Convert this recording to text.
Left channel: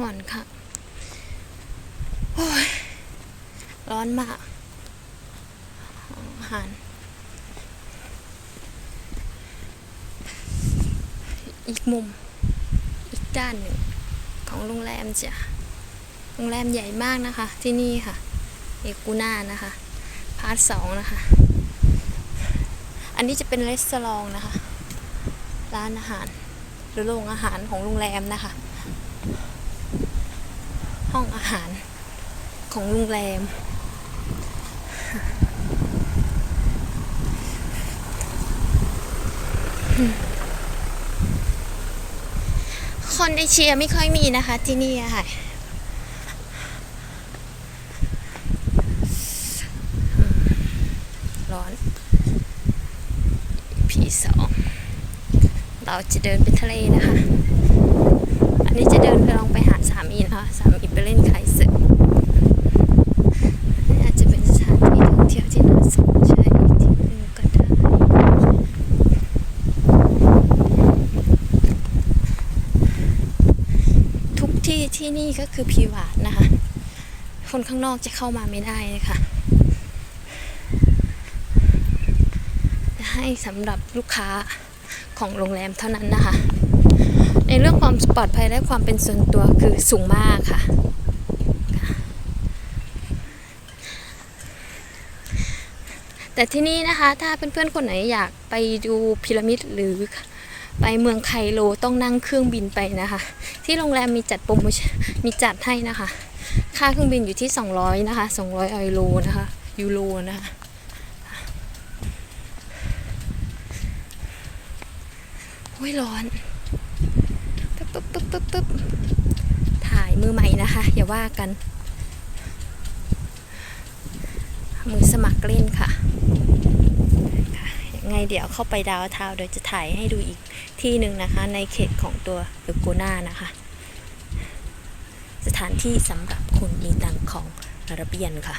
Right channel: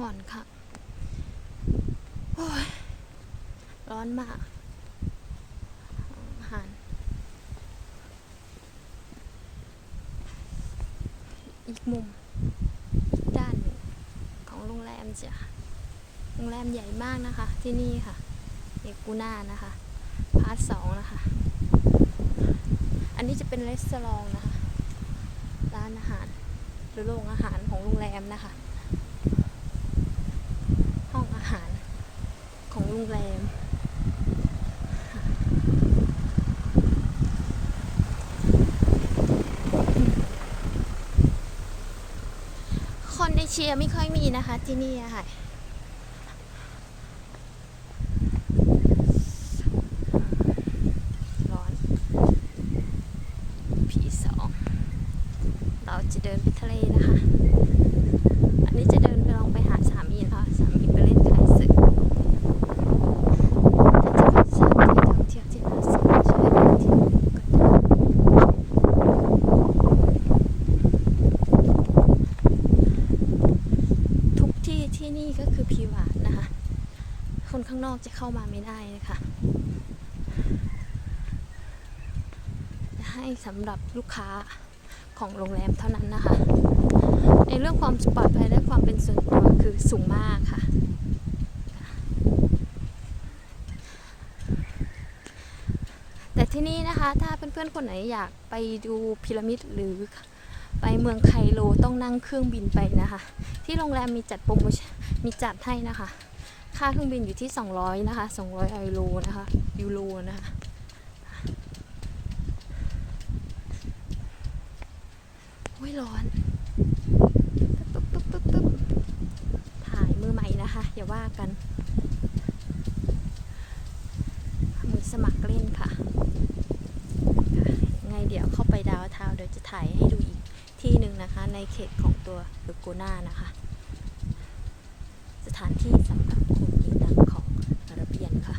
ห่อนค่ะ โอ้ย ร้อนมาก อาหาร อีกมุม อีกด้านหนึ่ง ของโรงแรมจ้ะ โรงแรมใหญ่มากนะคะ ที่นี่ค่ะ เอกูน่านะคะ พาร์ทสองนะคะ อันนี้จะเป็นรีสอร์ทนะคะ ร้านอาหาร หรือโรงอาหารของโรงแรมนะคะ ห้องอาหารของโรงแรม คนเอเชียไม่ค่อยมีนะคะที่นี่ค่ะร้อน พีสอง เราจะเดินไปทะเลนะคะเดินไปลองไปหาสามีนะคะสามีไปเล่นไคสึกอาจจะเป็นสถานที่ท่องเที่ยวที่น่าสนใจที่หนึ่งก็ได้ ที่ที่นี่ก็คือพีวาดนะคะ คนข้างนอกจะเข้ามาไม่ได้เลยค่ะให้สำหรับลูกค้าของโรงแรมเท่านั้นนะคะ ในเรื่องความปลอดภัยและความเป็นส่วนตัวคือสูงมากค่ะแต่ที่นี่นะคะ ถ้าเพื่อนๆ คนไหนอยากไปดูพีระมิดหรือ ไปเมืองไคโลต้องนั่งเครื่องบินไปนะคะ ที่โรงแรมมีจัดโปรโมชั่นมีจัดให้นะคะ ค่าเครื่องบินอยู่ที่ 200 นะคะ 200ยูโรนะคะยูโรนะคะโอ้ยร้อนปึ๊บปึ๊บปึ๊บปึ๊บปึ๊บถ่ายมือใหม่นะคะ อย่าว่ากัน มือสมัครเล่นค่ะ เดี๋ยวเข้าไปดาวเทาวน์เดี๋ยวจะถ่ายให้ดูอีกที่หนึ่งนะคะ ในเขตของตัวเอโกนานะคะ สถานที่สำหรับคนมีตังของอาราเบียนค่ะ